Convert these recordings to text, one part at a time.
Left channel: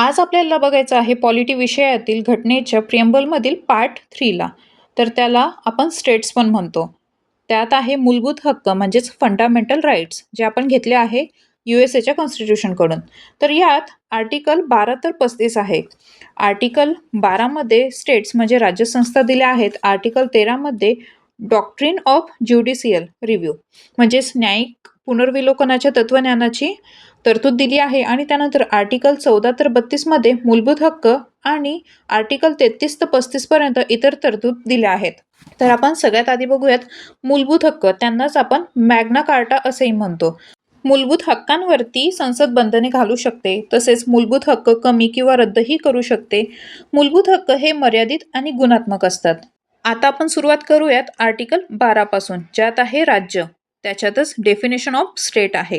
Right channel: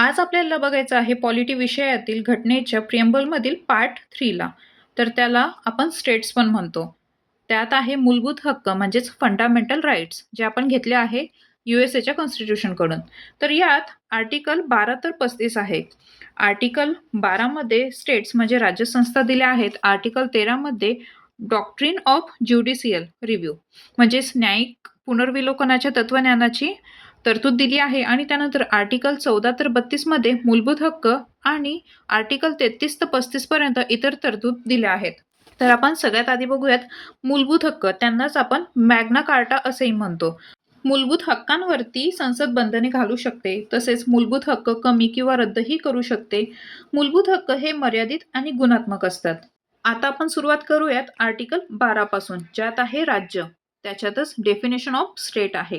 आज आपल्याला बघायचं आहे पॉलिटी विषयातील घटनेच्या प्रिएम्बलमधील पार्ट 3ला. तर त्याला आपण स्टेट्स पण म्हणतो. त्यात आहे मूलभूत हक्क म्हणजेच फंडामेंटल राईट्स जे आपण घेतले आहे USA कॉन्स्टिट्यूशनकडून. तर यात आर्टिकल 12 तर 35 आहे. आर्टिकल 12मध्ये स्टेट्स म्हणजे राज्यसंस्था दिल्या आहेत. आर्टिकल 13मध्ये डॉक्ट्रिन ऑफ ज्युडिशियल रिव्ह्यू म्हणजेच न्यायिक पुनर्विलोकनाच्या तत्वज्ञानाची तरतूद दिली आहे. आणि त्यानंतर आर्टिकल 14 तर 32 मध्ये मूलभूत हक्क आणि आर्टिकल 33 तर 35 पर्यंत इतर तरतूद दिल्या आहेत. तर आपण सगळ्यात आधी बघूयात मूलभूत हक्क. त्यांनाच आपण मॅग्ना कार्टा असेही म्हणतो. मूलभूत हक्कांवरती संसद बंधने घालू शकते. तसेच मूलभूत हक्क कमी किंवा रद्दही करू शकते. मूलभूत हक्क हे मर्यादित आणि गुणात्मक असतात. आता आपण सुरुवात करूयात आर्टिकल 12 पासून, ज्यात आहे राज्य. त्याच्यातच डेफिनेशन ऑफ स्टेट आहे.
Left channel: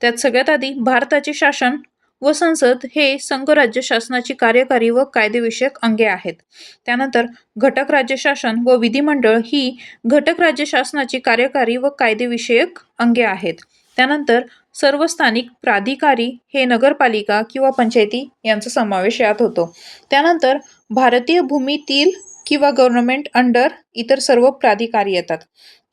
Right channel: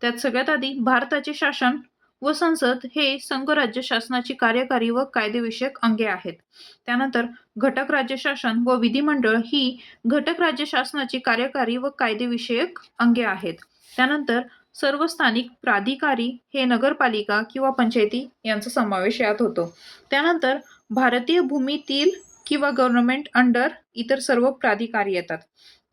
त्यात सगळ्यात आधी भारताचे शासन व संसद हे संघराज्य शासनाची कार्यकारी व कायदेविषयक अंगे आहेत. त्यानंतर घटक राज्य शासन व विधिमंडळ ही घटक राज्य शासनाची कार्यकारी व कायदेविषयक अंगे आहेत. त्यानंतर सर्व स्थानिक प्राधिकारी हे नगरपालिका किंवा पंचायती यांचा समावेश यात होतो. त्यानंतर भारतीय भूमीतील किंवा गव्हर्नमेंट अंडर इतर सर्व प्राधिकारी येतात.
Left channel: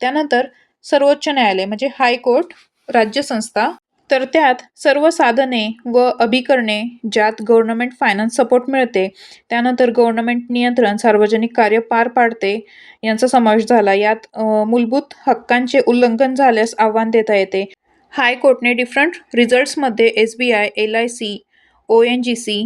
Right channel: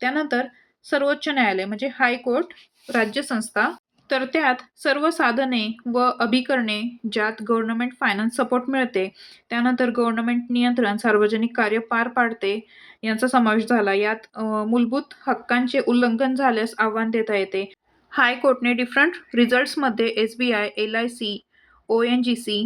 त्यानंतर सर्वोच्च न्यायालय म्हणजे हायकोर्ट, राज्यसंस्था. तर त्यात सर्व साधने व अभिकरणे ज्यात गव्हर्नमेंट फायनान्स सपोर्ट मिळते, त्यानंतर गव्हर्नमेंट नियंत्रण सार्वजनिक कार्य पार पाडते यांचा समावेश झाला. यात मूलभूत हक्कांचे उल्लंघन झाल्यास आव्हान देता येते. हायकोर्टने डिफरंट रिझल्ट्समध्ये SBI, LIC, ONGC,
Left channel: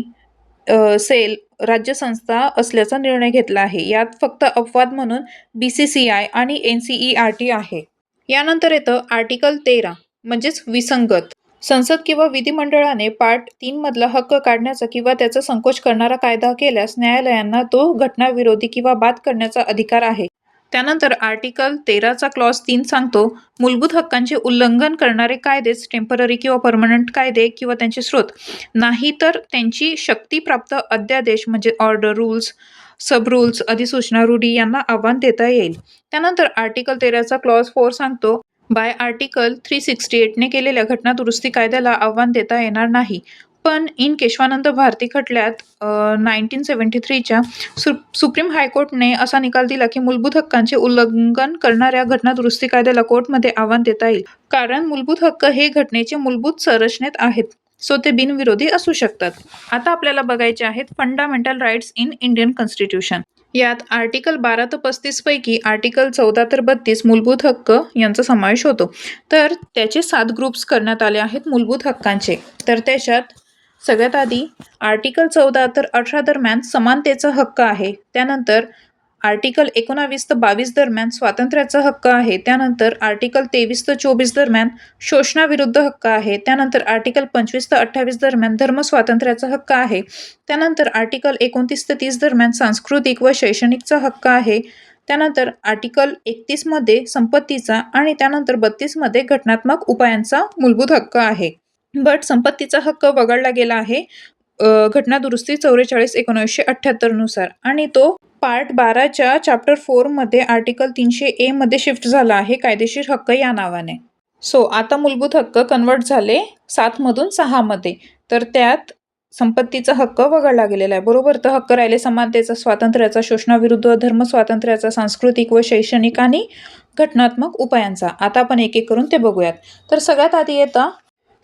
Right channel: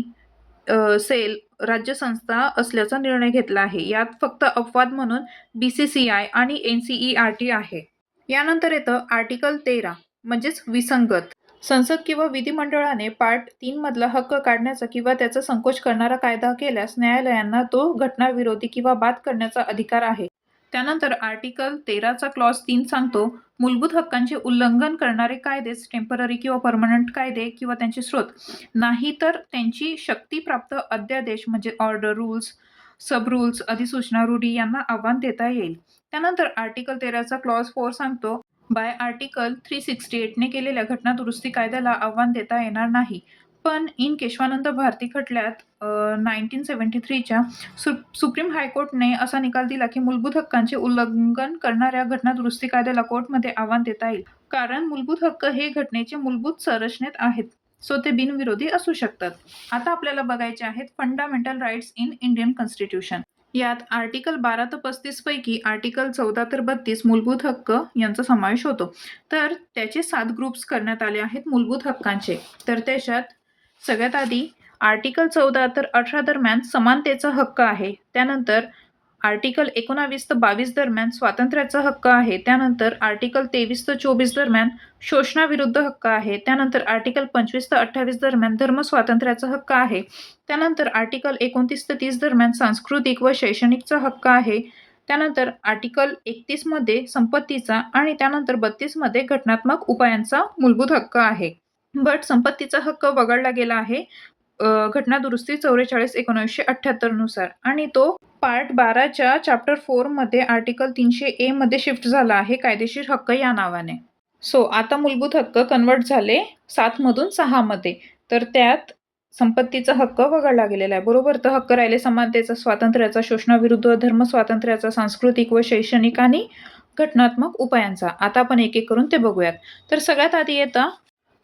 सेल राज्यसंस्था असल्याचा निर्णय घेतला आहे. यात फक्त अपवाद म्हणून BCCI आणि NCERT आहे. यानंतर येतं आर्टिकल 13 म्हणजेच विसंगत. संसद किंवा विधिमंडळाने पार्ट 3 मधला हक्क काढण्याचा किंवा त्याचा संकोच करणारा कायदा केल्यास न्यायालयांना तो घटनाविरोधी किंवा बाद करण्याचा अधिकार आहे. त्यानंतर आर्टिकल 13चा क्लॉज 3 सांगतो, मूलभूत हक्कांचे उल्लंघन करणारे कायदेच टेम्पररी किंवा परमनंट कायदे किंवा त्यांचे स्रोत, नाही तर त्यांची शक्तीप्राप्त अध्यादेश म्हणजे ऑर्डर, रूल्स, सब रूल्स, अधिसूचना, रूढी यांना आव्हान देता येईल. त्यानंतर आर्टिकल 13चा क्लॉज 4 सांगतो, बाय आर्टिकल 368ने केलेल्या घटनादुरुस्ती कायद्याला आव्हान देता येणार नाही. पण इन केशवानंद भारती खटल्यात 1973च्या सुप्रीम हायकोर्टने असा निकाल दिला की मूलभूत हक्कांचे उल्लंघन करणाऱ्या घटनादुरुस्ती कायद्याला कोर्टमध्ये आव्हान देता येईल, कारण मूलभूत हक्क हे घटनेचे मूलभूत संरचनेत आहेत, सो ते बिनविरोधी असू शकतात. आता आपल्याला बघायचे आहेत fundamental rights in Indian constitution. यात आर्टिकल 12 तर 35 पैकी आर्टिकल 14 तर 32 मूलभूत हक्क यांचा समावेश होतो. तर त्याचे 7 ग्रुप्स करण्यात आले आहेत मूलभूत हक्कांचे. तर त्याच्यात सगळ्यात आधी आर्टिकल 14 तर 18 दरम्यान समानतेचा हक्क आहे. त्यानंतर आर्टिकल 19 तर 22 दरम्यान स्वातंत्र्याचा हक्क आहे. त्यानंतर आर्टिकल 23 तर 24 दरम्यान शोषणाविरुद्ध हक्क आहे. त्यानंतर आर्टिकल 25 तर 28 दरम्यान धर्म स्वातंत्र्याचा हक्क आहे. त्यानंतर आर्टिकल 29 तर 30 दरम्यान सांस्कृतिक व शैक्षणिकचा हक्क आहे. त्यानंतर आर्टिकल 31 मध्ये संपत्तीचा आणि त्यानंतर 32 मध्ये घटनात्मक उपायांचा मूलभूत हक्क आहे. बट संपत्तीचा हक्क वगळला गेला आहे घटनादुरुस्ती 44/1978 नुसार, आणि तो पार्ट 12च्या चॅप्टर 4 मध्ये आर्टिकल 300A मध्ये शिफ्ट झाला आहे कायदेशीर हक्क या नावाने. सो आता मूलभूत हक्क कन्वर्ट झाले 7 मधून 6 मध्ये. तर त्यात संपत्तीचा हक्क वगळला गेलेला आहे, बरोबर. तर हक्क राहिले समानतेचा, स्वातंत्र्याचा, शोषणाविरुद्ध, धर्म स्वातंत्र्याचा, सांस्कृतिक व शैक्षणिक आणि घटनात्मक उपायांचा. आता आपण एक एक करून ते बघूयात. तर सगळ्यात आधी येतं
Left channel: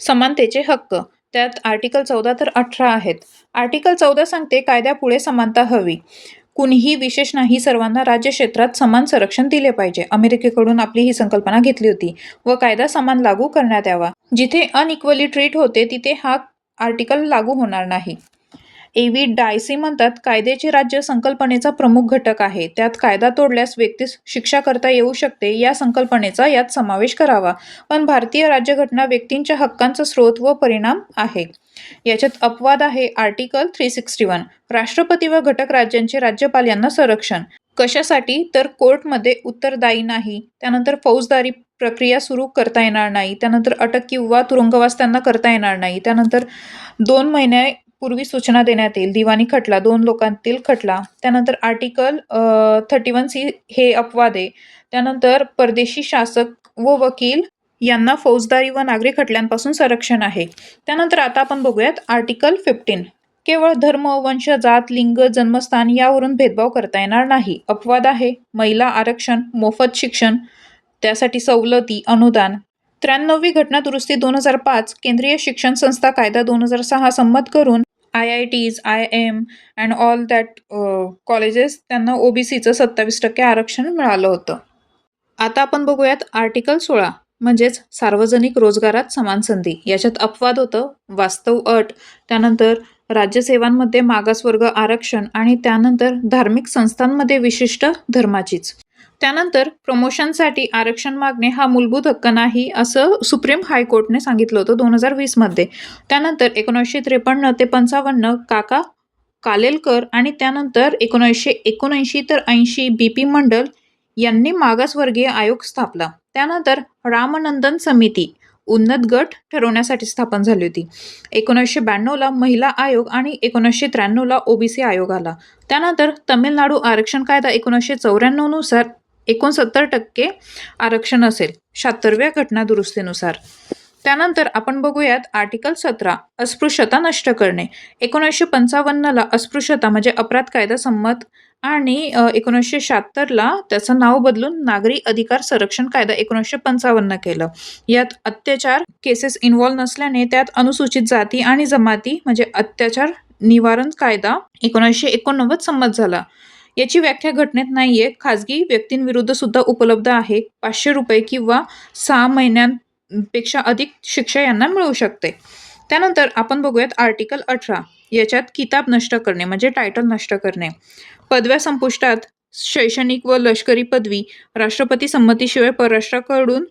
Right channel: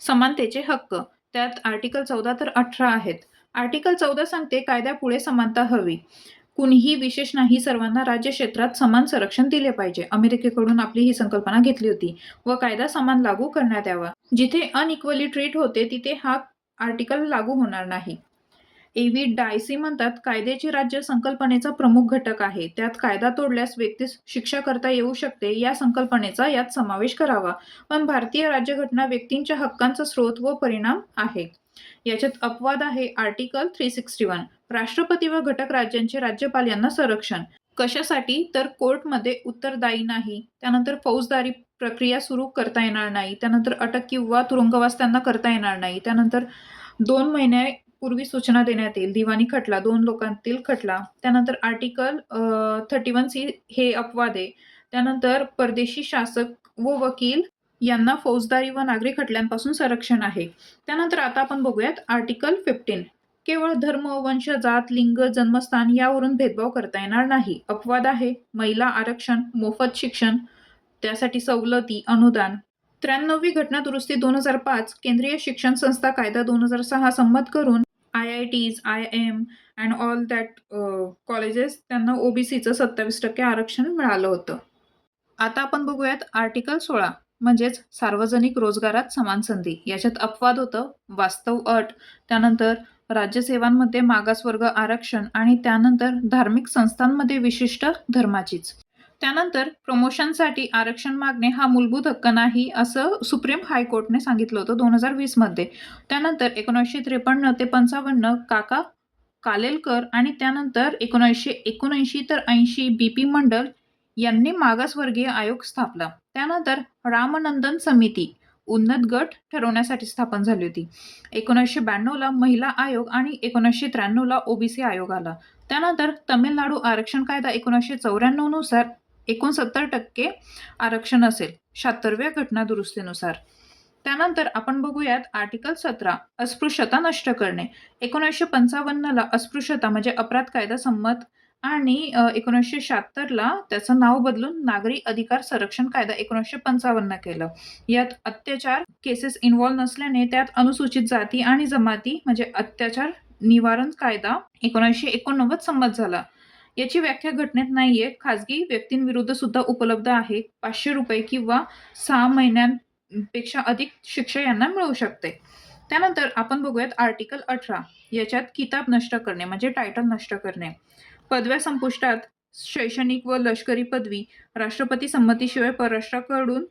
समानतेचे हक्क. त्यात आर्टिकल 14 तर 18 आहेत. आर्टिकल 14 सांगते कायद्यापुढे समानता हवी, कुणीही विशेष नाही, सर्वांना राज्य क्षेत्रात समान संरक्षण दिले पाहिजे. अमेरिकेकडून आपली ही संकल्पना घेतली होती व कायदा समान लागू करण्यात यावा. जिथे अनइक्वली ट्रीट होते तिथे हा आर्टिकल लागू होणार नाही. A.V. डायसी म्हणतात, कायद्याचे राज्य संकल्पनेचा प्रमुख घटक आहे. त्यात कायदा तोडल्यास व्यक्तीस शिक्षा करता येऊ शकते या संकल्पनेचा यात समावेश करावा. पण भारतीय राज्यघटना व्यक्तींच्या हक्कांचा स्रोत व परिणाम आहे. याच्यात अपवाद आहे आर्टिकल 361, राष्ट्रपती व घटक राज्यांचे राज्यपाल यांना संरक्षण. कशासाठी? तर कोर्टमध्ये उत्तरदायी नाही. त्यानंतर फौजदारी प्रक्रिया सुरू करता येणार नाही. त्यानंतर अटक किंवा तुरुंगवास त्यांना करता येणार नाही. त्यानंतर 2 महिन्यापूर्वी सूचना देण्यात येईल. दिवाणी खटला, 2 लोकांतील खटला. त्यानंतर आर्टिकल 31C हे अपवाद आहे. त्यानंतर परदेशी शासक व वकील यांना फौजदारी व नागरी खटल्यांपासून संरक्षण आहे. त्यानंतर आता आपण बघूयात आर्टिकल 15. केवळ धर्म, वंश, जात, लिंग, जन्मस्थान यावरून भेदभाव करता येणार नाही. अपवाद आहे महिला आरक्षण, मोफत शिक्षण, त्यासाठी सवलती, अनुदान. 93वी घटना दुरुस्ती 2005, केंद्रीय शिक्षण संस्था कायदा 2006 संमत करून IITs, IIM and all that colleges त्यांना OBCचं 27% आरक्षण मिळालं होतं. आता आपण बघूयात आर्टिकल 16 म्हणजेच सार्वजनिक रोजगारात समान संधी. याच्यात अपवाद होतं, वास्तव अट, त्यानंतर राज्यसेवांमध्ये मागासवर्ग आरक्षण आणि त्यानंतर धार्मिक संस्थांमध्ये विशिष्ट धर्माचीच. त्यानंतर प्रमोशनसाठी आरक्षण मागणे हा मूलभूत हक्क नाही असं सुप्रीम हायकोर्टने सांगितलं होतं 2020 मध्ये. त्यानंतर 1953 ते 55 काका कालेलकर आणि त्यानंतर 1979 तर 80 BP मंडल यांनी मागासवर्गीय आयोग स्थापला. त्यानंतर रामनंदन समिती उन्नत गट ठरवण्यासाठी स्थापन झाली होती. 1992ला महिला आयोग आणि 1993ला OBC आयोग आला. त्यानंतर तमिळनाडू आरक्षण कायदा 1994 नुसार 69% आरक्षण असेल 76व्या घटना दुरुस्तीनुसार. त्यानंतर आपण बघूयात आर्टिकल 17 अस्पृश्यता नष्ट करणे. 1955ला अस्पृश्यता म्हणजे अपराध कायदा संमत आणि 1976ला त्याचं नाव बदलून नागरी अधिकार संरक्षण कायदा 1955 केलं. यात अत्याचार केसेस इन्व्हॉल्व नसल्याने त्यात अनुसूचित जाती आणि जमाती म्हणजे अत्याचार निवारण कायदा 1989 संमत झाला. याची व्याख्या घटनेत नाहीये, खाजगी व्यक्तींविरुद्ध सुद्धा उपलब्ध आहे. 500 रुपये किंवा 6 महिन्यांपेक्षा अधिक शिक्षा यांना मिळू शकते. त्यानंतर आपण बघूयात आर्टिकल 18. याच्यात किताब नष्ट करणे म्हणजे टायटल नष्ट करणे. पदव्या संपुष्टात, शैक्षणिक व लष्करी पदवी, राष्ट्रपती संमतीशिवाय परराष्ट्राकडून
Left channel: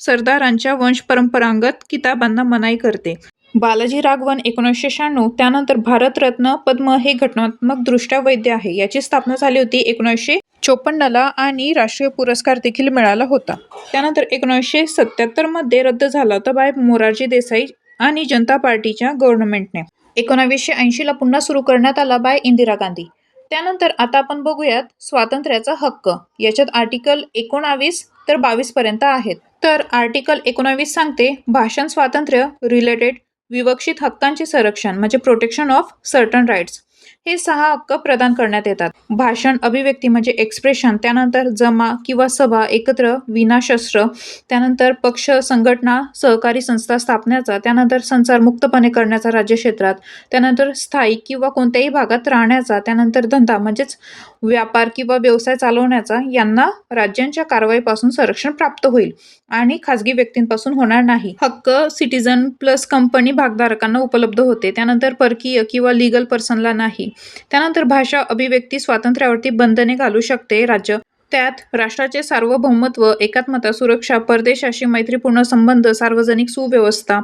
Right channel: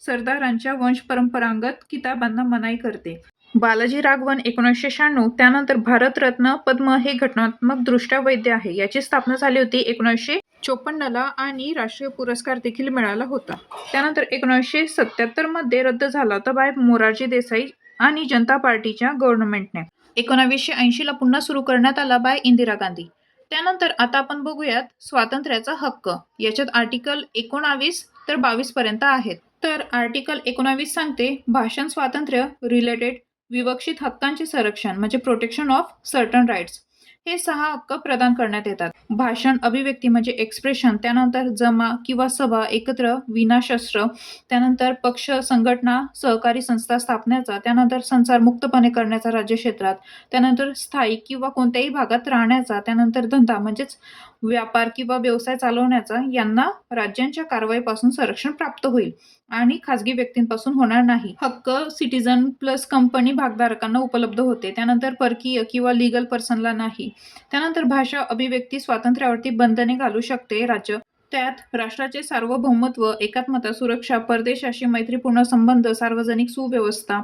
सरदारांच्या वंश परंपरागत किताबांना मनाई करते. बालाजी राघवन 1996. त्यानंतर भारतरत्न पद्म हे घटनात्मक दृष्ट्या वैध आहे. याची स्थापना झाली होती 1954ला आणि राष्ट्रीय पुरस्कार देखील मिळाला होता. त्यानंतर 1977 मध्ये रद्द झाला होता बाय मोरारजी देसाई आणि जनता पार्टीच्या गव्हर्नमेंटने. 1980ला पुन्हा सुरू करण्यात आला बाय इंदिरा गांधी. त्यानंतर आता आपण बघूयात स्वातंत्र्याचा हक्क. याच्यात आर्टिकल 19 तर 22 पर्यंत आहेत. तर आर्टिकल 19 सांगते भाषण स्वातंत्र्य रिलेटेड विवक्षित हक्कांचे संरक्षण म्हणजे प्रोटेक्शन ऑफ सर्टन राईट्स. हे 6 हक्क प्रदान करण्यात येतात. भाषण, अभिव्यक्ती म्हणजे एक्सप्रेशन, त्यानंतर जमा किंवा सभा एकत्र विना शस्त्र, त्यानंतर पक्ष, संघटना, सहकारी संस्था स्थापण्याचा, त्यानंतर संचार मुक्तपणे करण्याचा राज्य क्षेत्रात, त्यानंतर स्थायिक किंवा कोणत्याही भागात राहण्याचा, त्यानंतर धंदा म्हणजेच व्यापार किंवा व्यवसाय चालवण्याचा यांना राज्यांच्या कारवाईपासून संरक्षण प्राप्त होईल आणि खाजगी व्यक्तींपासून होणार नाही. हक्क सिटीजन प्लस कंपनी भागधारकांना उपलब्ध होते. त्यानंतर परकीय किंवा लीगल पर्सनला नाही. त्यानंतर भाषा अभिव्यक्ती स्वातंत्र्यावरती बंधने घालू शकते राज्य. त्यात राष्ट्राचे सार्वभौमत्व, एकात्मता, सुरक्षा, परदेशाशी मैत्रीपूर्ण संबंध, सार्वजनिक सुव्यवस्था,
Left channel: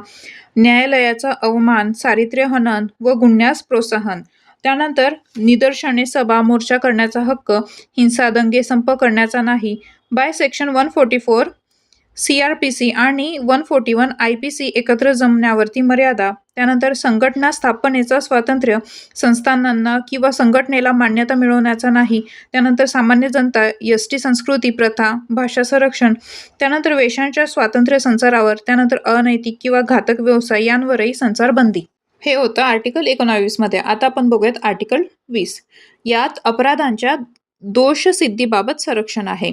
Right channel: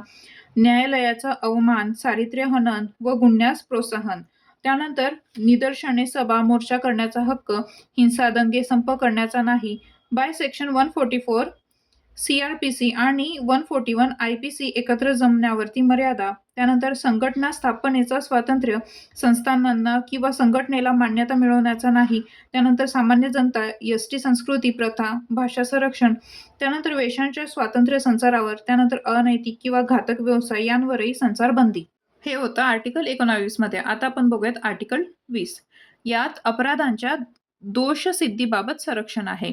न्यायालयाचा अवमान, चारित्र्य हनन व गुन्ह्यास प्रोत्साहन. त्यानंतर निदर्शने, सभा, मोर्चा करण्याचा हक्क, हिंसा, दंगे, संप करण्याचा नाही. बाय सेक्शन 144 CRPC आणि 141 IPC एकत्र जमण्यावरती मर्यादा. त्यानंतर संघटना स्थापनेचा स्वातंत्र्य, संस्थानांना किंवा संघटनेला मान्यता मिळवण्याचा नाही. त्यानंतर सामान्य जनता, ST संस्कृती, प्रथा, भाषा संरक्षण. त्यानंतर वेशांच्या स्वातंत्र्य संचारावर, त्यानंतर अनैतिक किंवा घातक व्यवसाय यांवरही संचारबंदी. हे होतं आर्टिकल 19 मध्ये. आता आपण बघूयात आर्टिकल 20. यात अपराधांच्या दोषसिद्धीबाबत संरक्षण आहे.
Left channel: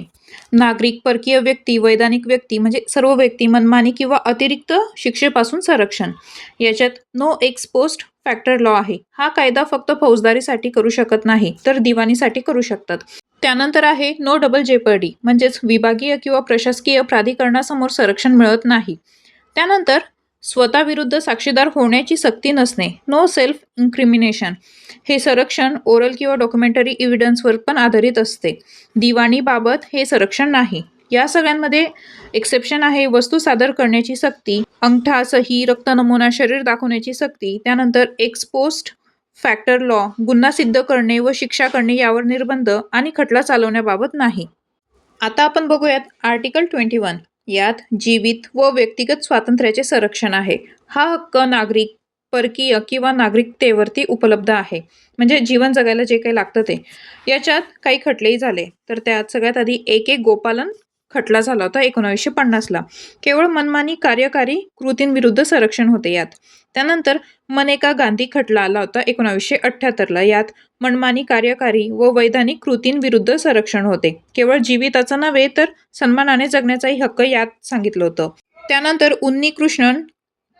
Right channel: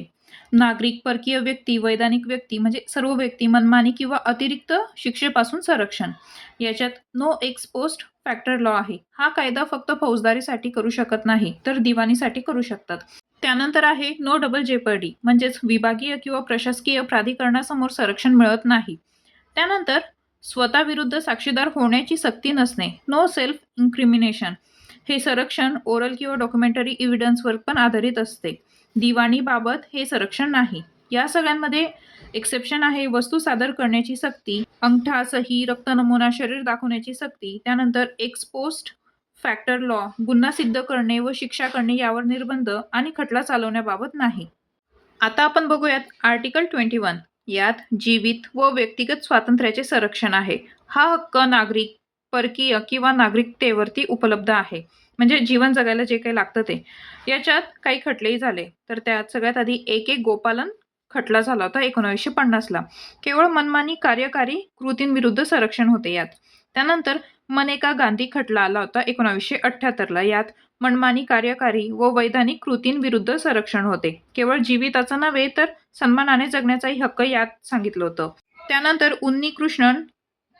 नागरिक, परकीय व्यक्ती, वैधानिक व्यक्ती म्हणजे सर्व व्यक्ती मनमानी किंवा अतिरिक्त शिक्षेपासून संरक्षण. याच्यात no ex post factor law आहे. हा कायदा फक्त फौजदारीसाठी करू शकत नाही तर दिवाणीसाठी करू शकतात. त्यानंतर आहे नो डबल जेपर्डी म्हणजेच विभागीय किंवा प्रशासकीय प्राधिकरणासमोर संरक्षण मिळत नाही. त्यानंतर स्वतःविरुद्ध साक्षीदार होण्याची सक्ती नसणे, नो सेल्फ इन्क्रिमिनेशन. हे संरक्षण ओरल किंवा डॉक्युमेंटरी एव्हिडन्सवर पण आधारित असते. दिवाणीबाबत हे संरक्षण नाही. या सगळ्यांमध्ये एक्सेप्शन आहे वस्तू सादर करण्याची सक्ती, अंगठा, सही, रक्त नमुना, शरीर दाखवण्याची सक्ती. त्यानंतर एक्स पोस्ट फॅक्टर लॉ, गुन्हा सिद्ध करणे व शिक्षा करणे यावर निर्बंध आणि खटला चालवण्याबाबत नाही. आता आपण बघूयात आर्टिकल 21. यात जीवित व व्यक्तिगत स्वातंत्र्याचे संरक्षण आहे. हा हक्क नागरिक, परकीय किंवा नागरिकतेवरती उपलब्ध आहे. म्हणजे जीवन जगायला जे काही लागतं ते. याच्यात काही खटलेही झाले. तर त्यात सगळ्यात आधी एक गोपालन खटला झाला होता 1950ला. केवळ मनमानी कार्यकारी कृतींविरुद्ध संरक्षण होते यात. त्यानंतर मनेका गांधी खटला आला होता 1978ला. यात मनमानी कार्यकारी व वैधानिक कृतींविरुद्ध संरक्षण होते. केवळ जीविताचा नव्हे तर सन्मानाने जगण्याचाही हक्क यात सांगितलं होतं. त्यानंतर उन्नीकृष्णन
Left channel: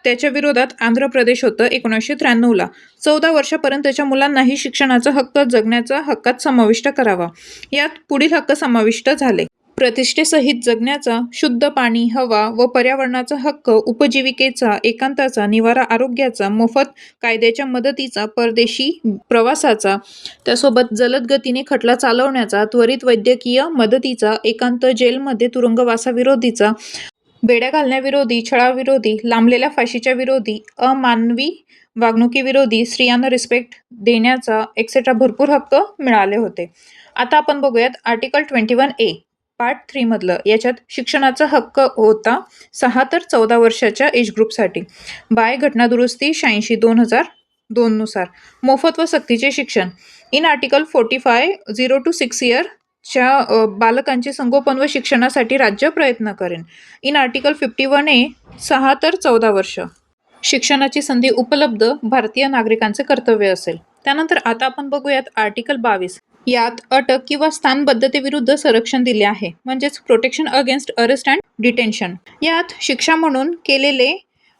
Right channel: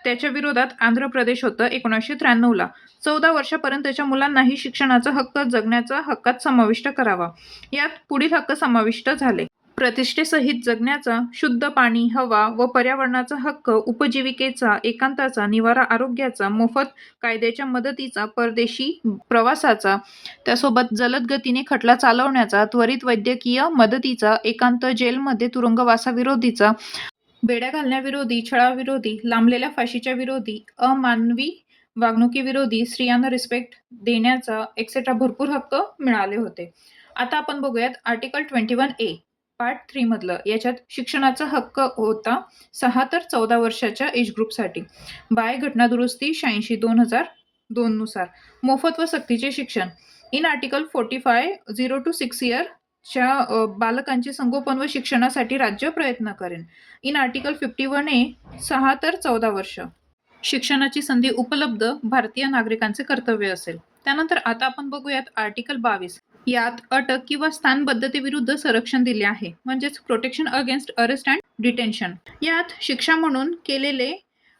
त्याच्या विरोधात आंध्र प्रदेश होतं 1993ला. 14 वर्षापर्यंतच्या मुलांनाही शिक्षणाचा हक्क जगण्याचा हक्कात समाविष्ट करावा. यात पुढील हक्क समाविष्ट झाले: प्रतिष्ठेसहित जगण्याचा, शुद्ध पाणी, हवा व पर्यावरणाचा हक्क, उपजीविकेचा, एकांताचा, निवारा, आरोग्याचा, मोफत कायद्याच्या मदतीचा, परदेशी प्रवासाचा, त्यासोबत जलद गतीने खटला चालवण्याचा, त्वरित वैद्यकीय मदतीचा, एकांत, जेलमध्ये तुरुंगवासाविरोधीचा, बेड्या घालण्याविरोधी, छळाविरोधी, लांबलेल्या फाशीच्या विरोधी, अमानवी वागणुकीविरोधी, स्त्रियांना रिस्पेक्ट देण्याचा एक्सेट्रा भरपूर हक्क मिळाले होते. आता आपण बघूयात आर्टिकल 21A पार्ट 3 मधलं. याच्यात शिक्षणाचा हक्क होता 6 तर 14 वर्षाच्या एज ग्रुपसाठी. बाय घटना दुरुस्ती 86/2002 नुसार मोफत व सक्तीचे शिक्षण. इन आर्टिकल 45 0 to 6 इयरच्या बालकांचे संगोपन व शिक्षणासाठी राज्य प्रयत्न करेन. इन आर्टिकल 51A 6 तर 14 वर्ष शिक्षणाची संधी उपलब्ध भारतीय नागरिकांचे कर्तव्य असेल. त्यानंतर आता आपण बघूयात आर्टिकल 22. यात अटक किंवा स्थानबद्धतेविरुद्ध संरक्षण दिले आहे, म्हणजेच protection against arrest and detention. यात शिक्षा म्हणून केलेले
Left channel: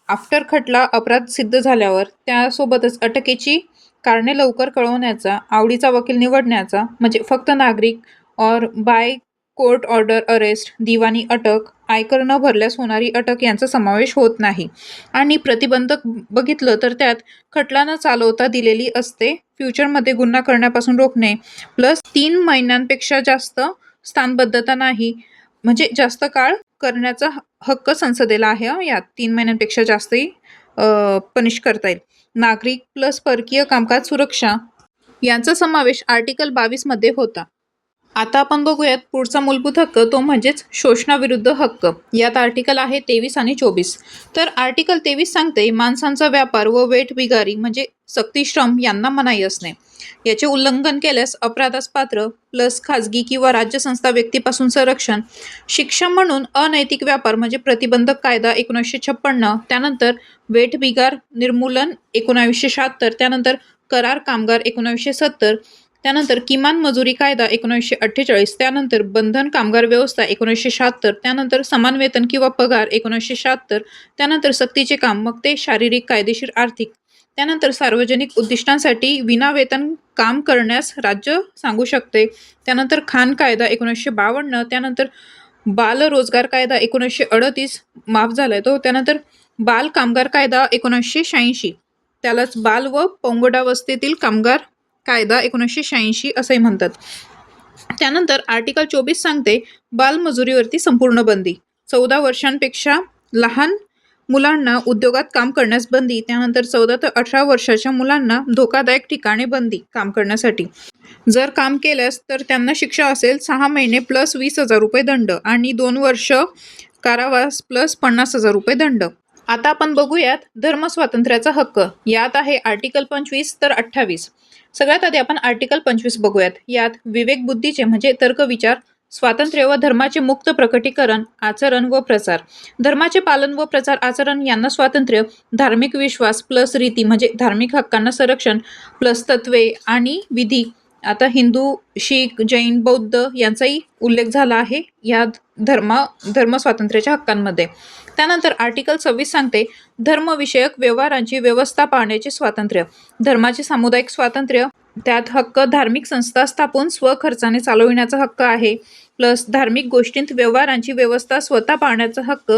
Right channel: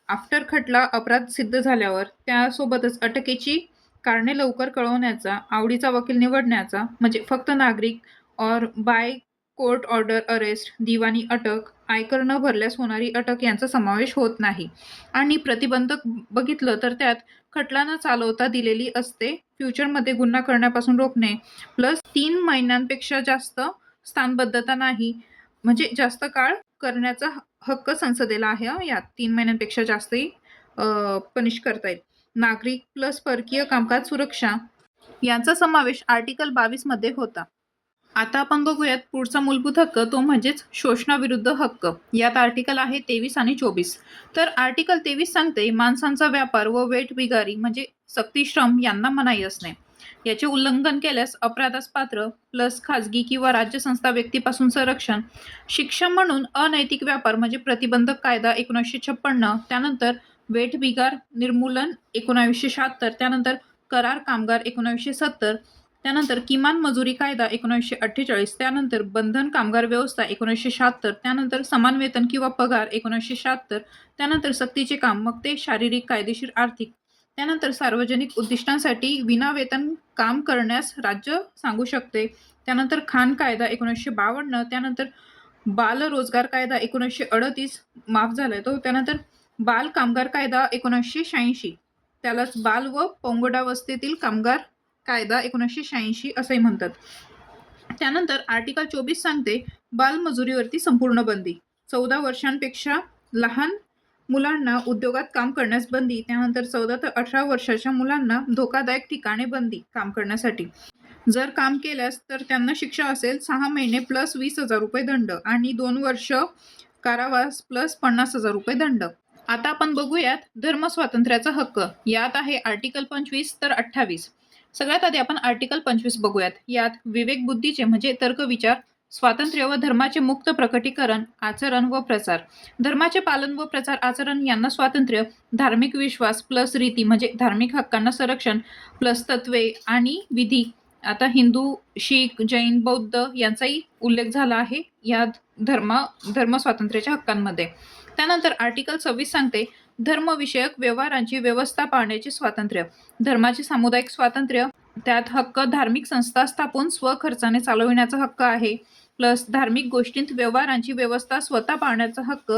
आफ्टर खटला अपराध सिद्ध झाल्यावर त्यासोबतच अटकेची कारणे लवकर कळवण्याचा, आवडीचा वकील निवडण्याचा, म्हणजे फक्त नागरिक और बाय कोर्ट ऑर्डर अरेस्ट, दिवाणी अटक, आयकर न भरल्यास होणारी अटक यांचा समावेश होत नाही. आणि प्रतिबंधक बघितलं तर त्यात खटला न चालवता दिलेली असते, फ्युचरमध्ये गुन्हा करण्यापासून रोखणे, प्लस 3 महिन्यांपेक्षा जास्त स्थानबद्धता नाही, म्हणजे जास्त काळ करण्याचा हक्क संसदेला आहे. यात 3 महिन्यांपेक्षा जास्तही पनिश करता येईल. नागरिक प्लस परकीय कामकाज सुरक्षा यांचा समावेश आर्टिकल 22 मध्ये होता. आता आपण बघूयात पुढचा मूलभूत हक्क, तो म्हणजेच शोषणाविरुद्ध हक्क. यात आर्टिकल आहे 23 आणि 24. तर आर्टिकल 23 सांगते माणसांचा व्यापार व वेठबिगारी म्हणजे सक्तीश्रम यांना मनाई असणे. याचे उल्लंघन केल्यास अपराधास पात्र, प्लस खाजगी किंवा राज्य संस्था व्यक्तीपासून संरक्षण. शिक्षा म्हणून अनैतिक व्यापार म्हणजे प्रतिबंधक कायदा 1956, त्यानंतर वेठबिगार निर्मूलन 1976, त्यानंतर करार कामगार 1970, त्यानंतर किमान मजुरी कायदा 1948, त्यानंतर बंधन कामगार व्यवस्था 1976, त्यानंतर समान वेतन किंवा पगार 1976, त्यानंतर सक्तीचे काम, मग ते शारीरिक, कायदेशीर, आर्थिक, त्यानंतर सार्वजनिक उद्दिष्टांसाठी विनावेतन काम करण्यास राज्य सांगू शकते, त्यानंतर खान कायदा 1952, त्यानंतर बाल रोजगार कायदा 1938 माफ झालाय तो, त्यानंतर बाल कामगार कायदा 1986, त्यालाच बाल व पौगंडावस्थेतील कामगार कायदा 1986 असंही म्हणतात. त्यानंतर आर्टिकल 24 सांगते बालमजुरीवरती संपूर्ण बंदी, 14 वर्षांपेक्षा लहान मुलांना उद्योगात काम करण्यास बंदी, त्यानंतर 14 ते 18 वर्षाच्या मुलांना धोकादायक ठिकाणी बंदी काम करण्यासाठी. जर काम केल्यास तर त्यांना शिक्षा असेल 6 महिने प्लस 20,000 रुपये दंड आणि 2 वर्ष कारावास प्लस 50,000 रुपये दंड. आता आपण बघूयात धर्मस्वातंत्र्याचा हक्क. यात आहे आर्टिकल 25 तर 28. सगळ्यात आधी आपण आर्टिकल 25 बघूयात. यात विवेक बुद्धीचे म्हणजे तर्कविचार स्वातंत्र्य व धर्माचे मुक्त प्रकटीकरण, आचरण व प्रसार. धर्माचे पालन व प्रचार आचरण यांना स्वातंत्र्य. धार्मिक विश्वास प्लस रीती म्हणजे धार्मिक हक्कांना संरक्षण, प्लस तत्वे आणि विधी. आता हिंदू, शीख, जैन, बौद्ध यांचाही उल्लेख झाला आहे या धर्म स्वातंत्र्याच्या हक्कांमध्ये. त्यानंतर आर्टिकल 26 सांगते धर्मविषयक व्यवहारांची व्यवस्था पाळण्याचे स्वातंत्र्य. धर्माचे सामुदायिक स्वातंत्र्य, त्यात हक्क धार्मिक संस्था स्थापून स्वखर्चाने चालविण्याचा हक्क आहे, प्लस धार्मिक गोष्टींत व्यवहारांची व्यवस्था स्वतः पाळण्याचा हक्क.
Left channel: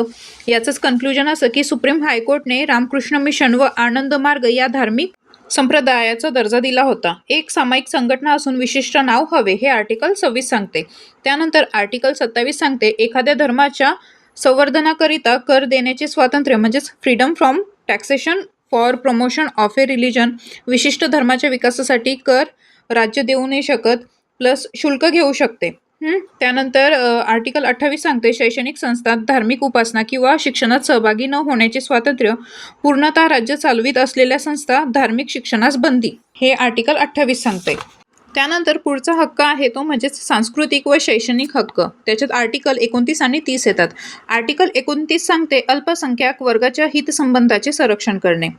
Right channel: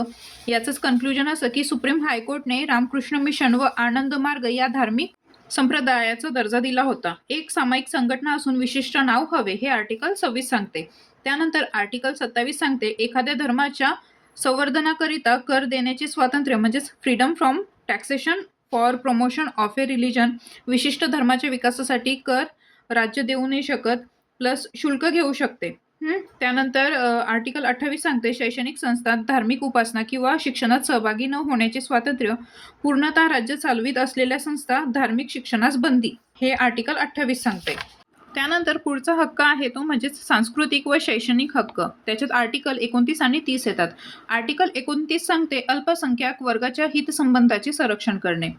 याचंच कन्क्लुजन असं की सुप्रीम हायकोर्टने रामकृष्ण मिशन व आनंद मार्ग या धार्मिक संप्रदायाचा दर्जा दिला होता. एक सामायिक संघटना असून विशिष्ट नाव हवे, हे आर्टिकल 26 सांगते. त्यानंतर आर्टिकल 27 सांगते एखाद्या धर्माच्या संवर्धनाकरिता कर देण्याचे स्वातंत्र्य म्हणजेच freedom from taxation for promotion of A religion. विशिष्ट धर्माच्या विकासासाठी कर राज्य देऊ नाही शकत, प्लस शुल्क घेऊ शकते. त्यानंतर आर्टिकल 28 सांगते शैक्षणिक संस्थात धार्मिक उपासना किंवा शिक्षणात सहभागी न होण्याचे स्वातंत्र्य. पूर्णतः राज्य चालवित असलेल्या संस्था धार्मिक शिक्षणास बंदी, हे आर्टिकल 28 सांगते. त्यानंतर पुढचा हक्क आहे तो म्हणजेच सांस्कृतिक व शैक्षणिक हक्क. त्याच्यात आर्टिकल 29 आणि 30 येतात. आर्टिकल 29 सांगते अल्पसंख्याक वर्गाच्या हितसंबंधाचे संरक्षण करणे.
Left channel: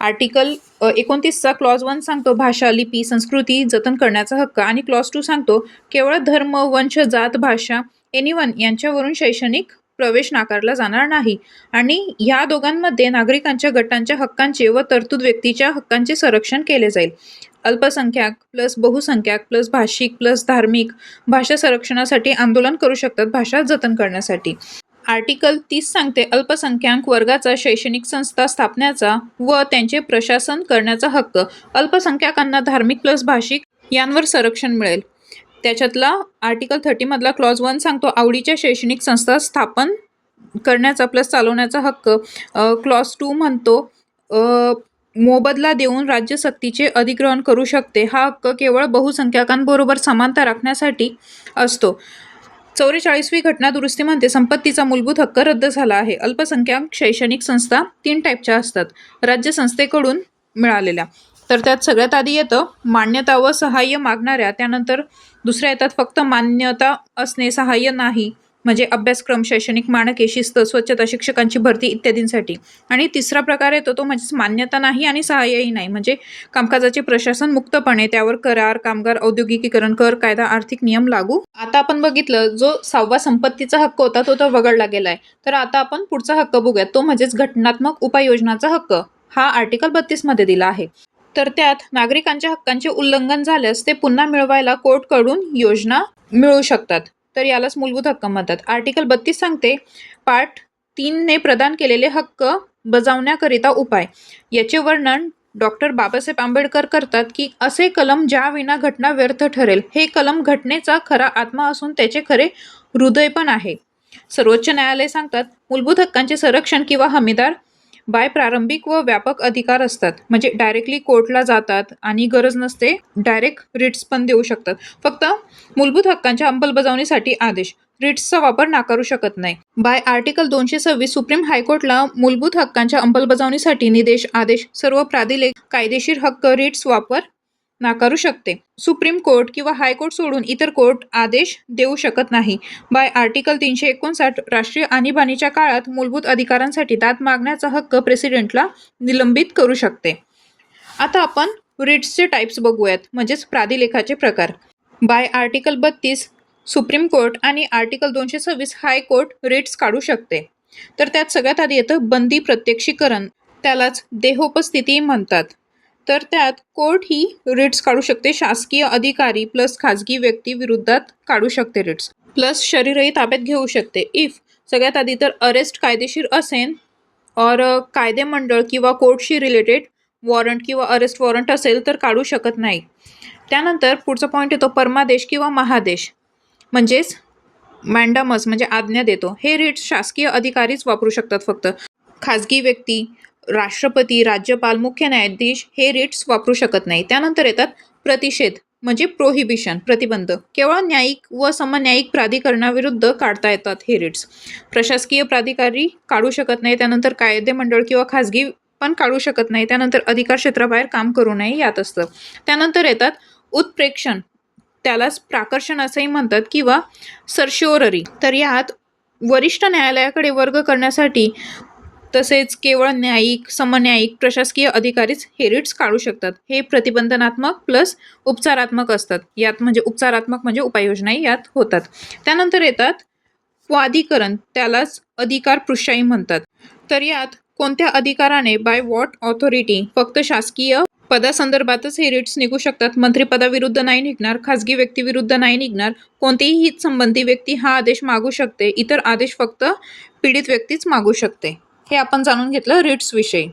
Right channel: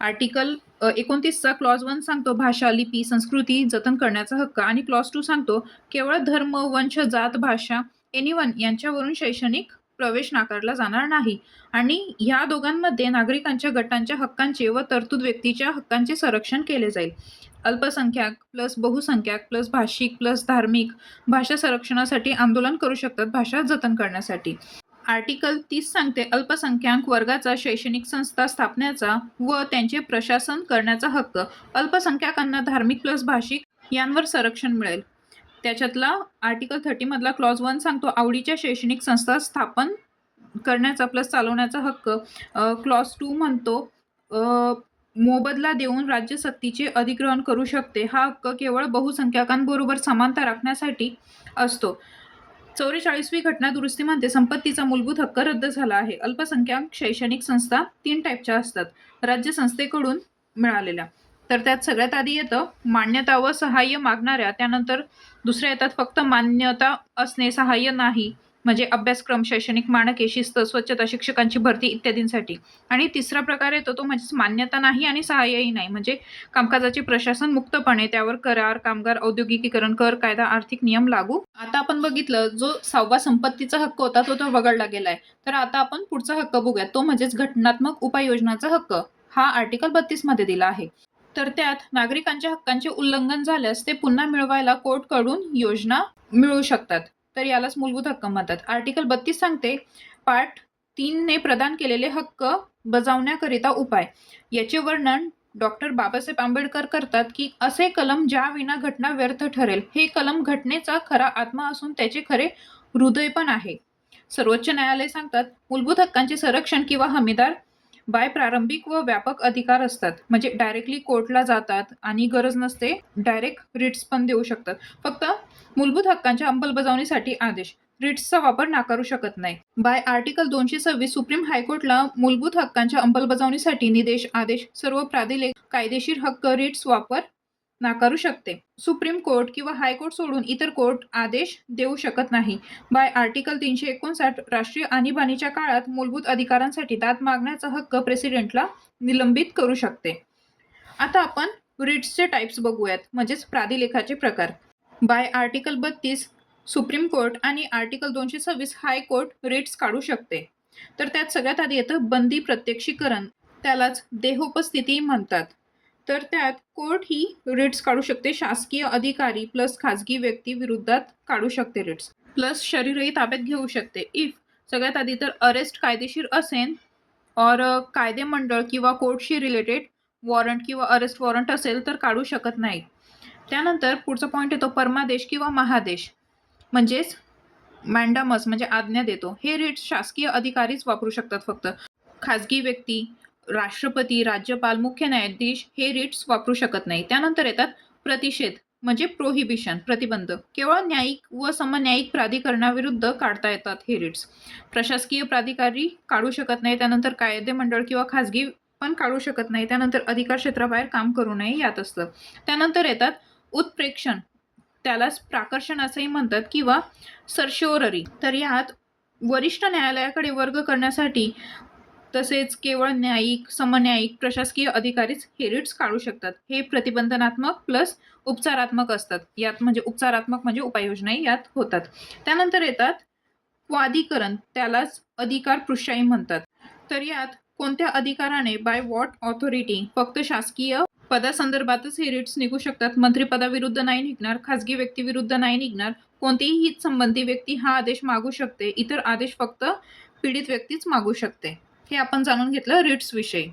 आर्टिकल 29चा क्लॉज 1 सांगतो भाषा, लिपी, संस्कृती जतन करण्याचा हक्क आणि क्लॉज 2 सांगतो केवळ धर्म, वंश, जात, भाषा, एनिवन यांच्यावरून शैक्षणिक प्रवेश नाकारला जाणार नाही. आणि ह्या दोघांमध्ये नागरिकांच्या गटांच्या हक्कांचे व तरतूद व्यक्तीच्या हक्कांचे संरक्षण केले जाईल. अल्पसंख्याक प्लस बहुसंख्याक प्लस भाषिक प्लस धार्मिक भाषा संरक्षणासाठी आंदोलन करू शकतात भाषा जतन करण्यासाठी. आर्टिकल 30 सांगते अल्पसंख्याक वर्गाचा शैक्षणिक संस्था स्थापण्याचा व त्यांचे प्रशासन करण्याचा हक्क. अल्पसंख्याकांना धार्मिक प्लस भाषिक यांवर संरक्षण मिळेल. त्याच्यातला आर्टिकल 30 मधला क्लॉज 1 सांगतो आवडीच्या शैक्षणिक संस्था स्थापन करण्याचा प्लस चालवण्याचा हक्क. क्लॉज 2 म्हणतो मोबदला देऊन राज्य सक्तीचे अधिग्रहण करू शकते. हा हक्क केवळ बहुसंख्याकांबरोबर समानता राखण्यासाठी असतो. 44वी घटना दुरुस्ती म्हणते संपत्तीचा मूलभूत हक्क रद्द झाला आहे. अल्पसंख्याक शैक्षणिक संस्था 3 टाईपच्या असतात, राज्य संस्थेकडून मिळालेल्या. तर त्यात सगळ्यात आधी येतं मान्यता व सहाय्य मागणाऱ्या, त्यानंतर दुसऱ्या येतात फक्त मान्यता असणे सहाय्य नाही म्हणजे अभ्यासक्रम, शैक्षणिक मानके, शिस्त, स्वच्छता, शिक्षकांची भरती इत्यादींसाठी. आणि तिसरा प्रकार येतो तो म्हणजेच मान्यता नाही आणि सहाय्यही नाही म्हणजे कामकाजाचे प्रशासन मुक्तपणे, त्यावर करार, कामगार, औद्योगिकीकरण, कर, कायदा, आर्थिक नियम लागू. आता आपण बघितलं जो 6वा संपत्तीचा हक्क होता तो तर वगळला गेलाय. तर आता आपण पुढचा हक्क बघूयात तो म्हणजेच घटनात्मक उपाययोजनाचा हक्क. हा आर्टिकल 32 मध्ये दिला आहे. तर त्यात नागरिकांच्या हक्कांचे उल्लंघन झाल्यास ते पुन्हा मिळवायला कोर्टकडून योजना मिळू शकतात. तर यालाच मूलभूत हक्क म्हणतात. आर्टिकल 32 सांगते पार्ट 3 ने प्रदान केलेले हक्क बजावण्याकरिता उपाय. याचे वर्णन डॉक्टर बाबासाहेब आंबेडकर करतात की असे कलम ज्या विना घटना व्यर्थ ठरेल. हे कलम घटनेचा खरा आत्मा असून त्याचे खरे हृदय पण आहे. सर्वोच्च न्यायालय सांगतात मूलभूत हक्कांचे संरक्षण किंवा हमीदार बाय प्रारंभिक व व्यापक अधिकार असतात म्हणजे डायरेक्टली कोर्टला जातात आणि गरज नसते डायरेक्ट रिट्स पण देऊ शकतात. फक्त मूलभूत हक्कांच्या अंमलबजावणीसाठी आदेश, रिट्सचा वापर नाकारू शकत नाही. बाय आर्टिकल 226 सुप्रीम हायकोर्टला मूलभूत हक्कांच्या अंमलबजावणीसाठी निदेश, आदेश, सर्व प्राधिलेख, कायदेशीर हक्क, रिट्स वापर नाकारू शकते. सुप्रीम कोर्ट किंवा हायकोर्ट सोडून इतर कोर्ट आदेश देऊ शकत नाही. बाय आर्टिकल 359 राष्ट्रीय आणीबाणीच्या काळात मूलभूत अधिकारांसाठी दाद मागण्याचा हक्क प्रेसिडेंटला निलंबित करू शकते. आता आपण रिट्सचे टाईप्स बघूयात म्हणजेच प्राधिलेखाचे प्रकार. बाय आर्टिकल 32 सुप्रीम कोर्ट आणि आर्टिकल 226 हायकोर्ट रिट्स काढू शकते. तर त्यात सगळ्यात आधी येतं बंदी प्रत्यक्षीकरण, त्यालाच देहोपस्थिती म्हणतात. तर त्यात कोर्ट ही रिट्स काढू शकते. शासकीय अधिकारी प्लस खाजगी व्यक्ती विरुद्धात काढू शकते रिट्स, प्लस शरीरही ताब्यात घेऊ शकते. इफ सगळ्यात आधी तर अरेस्ट कायदेशीर असेल और कायदेमंडळ किंवा कोर्टशी रिलेटेड वॉरंट किंवा अरेस्ट वॉरंट असेल तर काढू शकत नाही. त्यानंतर पुढचा पॉईंट येतो परमादेश किंवा महादेश म्हणजेच मॅन्डामस म्हणजे आज्ञा देतो. हे रिट्स शासकीय अधिकारीच वापरू शकतात फक्त. खाजगी व्यक्ती, राष्ट्रपती, राज्यपाल, मुख्य न्यायाधीश हे रिट्स वापरू शकत नाही. त्यानंतर येतात प्रतिषेध म्हणजे प्रोहिबिशन, प्रतिबंध. केवळ न्यायिक व समन्यायिक प्राधिकरणाविरुद्ध काढता येतात हे रिट्स. प्रशासकीय प्राधिकारी काढू शकत नाही. त्यानंतर कायदेमंडळ किंवा खाजगी पण काढू शकत नाही. त्यानंतर अधिकार क्षेत्राबाहेर काम करू नये यात असतं. त्यानंतर येतात उत्प्रेक्षण, त्यालाच प्राकर्षण असंही म्हणतात किंवा सर्शिओररी. तर यात वरिष्ठ न्यायालयाकडे वर्ग करण्यासाठी तसेच केवळ न्यायिक, समन्यायिक, प्रशासकीय अधिकारीच हे रिट्स काढू शकतात. हे प्रतिबंधनात्मक प्लस उपचारात्मक असतात. यात म्हणजे उपचारात्मक म्हणजे उपाययोजनाही यात होतात. त्यानंतर येतात स्वाधिकरण, त्यालाच अधिकार पृष्ठाई म्हणतात. तर यात कोणत्या अधिकाराने बाय व्हॉट ऑथॉरिटी, फक्त शासकीय पदासंदर्भातच हे रिट्स निघू शकतात. मंत्रिपदाविरुद्ध नाही निघणार, खाजगी व्यक्तीविरुद्ध नाही निघणार. कोणतीही हितसंबंधी व्यक्ती हा आदेश मागू शकते. इतर आदेश फक्त पीडित व्यक्तीच मागू शकते. हे आपण जाणून घेतलं रिट्स विषयी.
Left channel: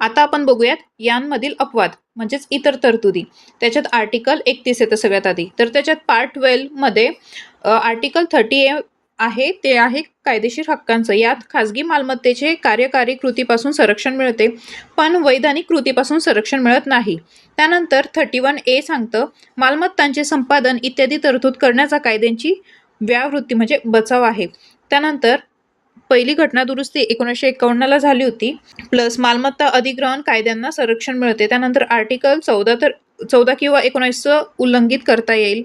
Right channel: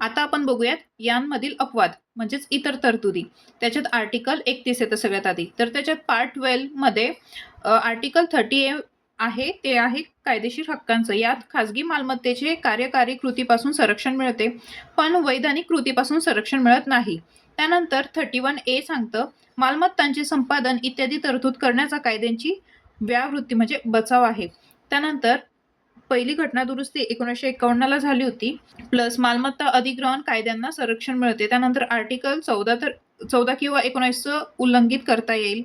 आता आपण बघूयात यांमधील अपवाद म्हणजेच इतर तरतुदी. त्याच्यात आर्टिकल 31 येतं सगळ्यात आधी. तर त्याच्यात पार्ट 12 मध्ये आर्टिकल 30 आहे ते आहे कायदेशीर हक्कांचं. यात खाजगी मालमत्तेचे कार्यकारी कृतीपासून संरक्षण मिळते पण वैधानिक कृतीपासून संरक्षण मिळत नाही. त्यानंतर 31A सांगतं मालमत्तांचे संपादन इत्यादी तरतूद करण्याचा कायद्यांची व्यावृत्ती म्हणजे बचाव आहे. त्यानंतर पहिली घटना दुरुस्ती 1951ला झाली होती, प्लस मालमत्ता अधिग्रहण कायद्यांना संरक्षण मिळते. त्यानंतर आर्टिकल 14 तर 14 किंवा 19चं उल्लंघित करता येईल.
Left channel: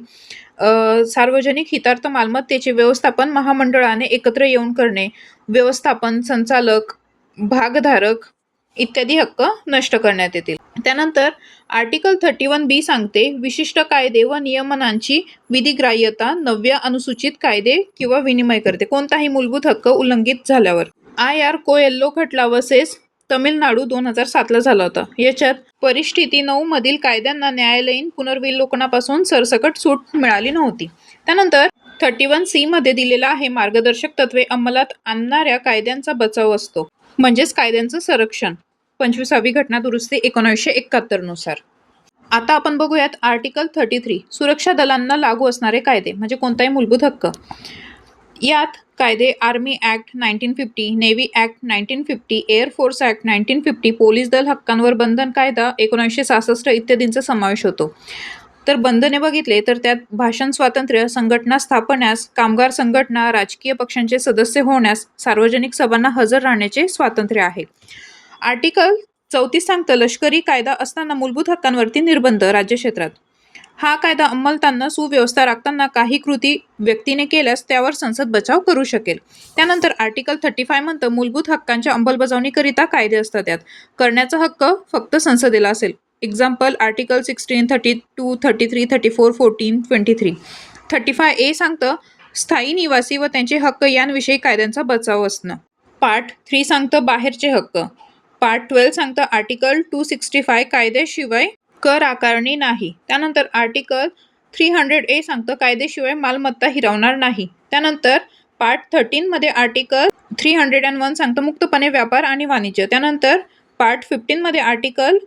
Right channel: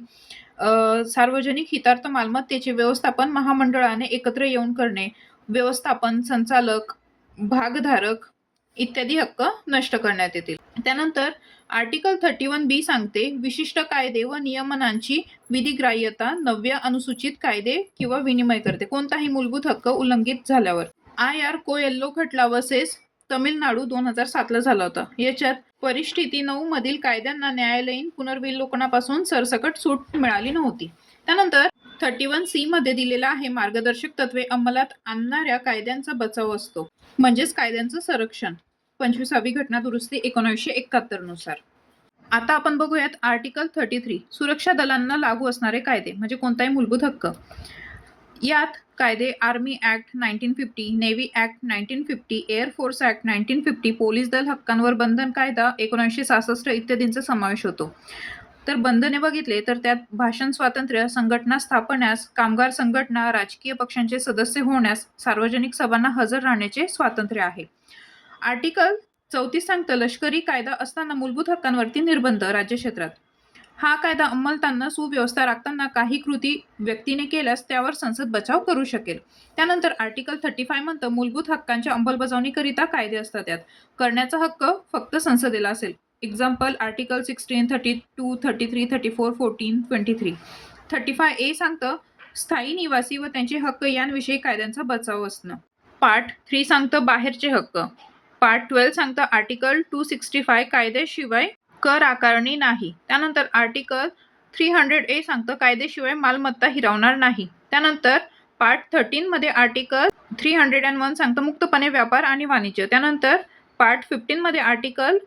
सार्वजनिक हितार्थ मालमत्तेचे व्यवस्थापन महामंडळाने एकत्र येऊन करणे, व्यवस्थापन, संचालक, भागधारक इत्यादी हक्क नष्ट करण्यात येतील. त्यानंतर आर्टिकल 31B सांगते विशिष्ट कायदे व नियमनांची विधिग्राह्यता 9व्या अनुसूचित कायदे किंवा विनिमय करते कोणताही मूलभूत हक्क उल्लंघित झाल्यावर. IR कोएल्लो खटला वर्सेस तमिळनाडू 2007ला झाला होता. याच्यात परिस्थिती 9 मधील कायद्यांना न्यायालयीन पुनर्विलोकनापासून सरसकट सूट मिळाली नव्हती. त्यानंतर 31C मध्ये दिलेला आहे मार्गदर्शक तत्वे अंमलात आणणाऱ्या कायद्यांचा बचाव असतो, म्हणजेच कायद्यांचं संरक्षण. 25वी घटना दुरुस्ती 1971 नुसार. आता आपण बघूयात आर्टिकल 33 सुरक्षा दलांना लागू असणारे कायदे म्हणजे कोणताही मूलभूत हक्क. यात कायदे army act 1950, navy act 1950, air force act 1950, police दल हक्कांवर बंधन कायदा 1966 इत्यादींचा समावेश होतो. तर बंधने बघितले तर त्यात भाषण स्वातंत्र्य, संघटना स्थापण्यास, कामगार संघटना, राजकीय पक्षांचे सदस्य होण्यास, सार्वजनिक सभांना हजर राहण्याचे स्वातंत्र्य आहे. आर्टिकल 34 सांगतं लष्करी कायदा असताना मूलभूत हक्कांवरती निर्बंध राज्य क्षेत्रात. हा कायदा अंमलताना सुव्यवस्था राखताना काही कृती व्यक्तीने केल्यास त्यावर संसद बचाव करू शकेल. त्यानंतर आर्टिकल 35 म्हणतं मूलभूत हक्कांच्या अंमलबजावणीकरिता कायदे असतात. त्यात करण्याचा हक्क फक्त संसदेला असेल. Example article 16, 32, 33, 34, 14, 23. 35A सांगतं स्थायी निवासी व त्यांचे हक्क यांविषयी कायद्यांचा बचाव असणं. पार्ट 3 सांगतं बाहेरचे हक्क. पार्ट 12 सांगतं आर्टिकल 265 कायद्याशिवाय कर आकारणी नाही. त्यानंतर आर्टिकल 300A सांगतं कायदेशिवाय मालमत्ता हिरावणार नाही. त्यानंतर पार्ट 13 मध्ये आर्टिकल 301 सांगतं मुक्तपणे व्यापार आणि वाणिज्य. त्यानंतर पार्ट 15 मध्ये आर्टिकल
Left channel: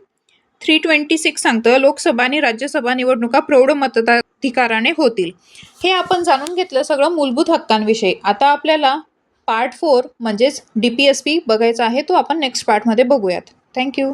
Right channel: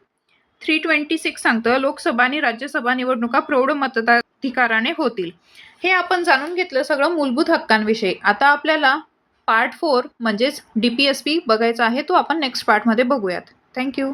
326 सांगतं लोकसभा आणि राज्यसभा निवडणुका प्रौढ मताधिकाराने होतील. हे आपण जाणून घेतलं सगळं मूलभूत हक्कांविषयी. आता आपल्याला पार्ट 4 म्हणजेच DPSP बघायचा आहे, तो आपण नेक्स्ट पार्टमध्ये बघूयात. थँक्यू.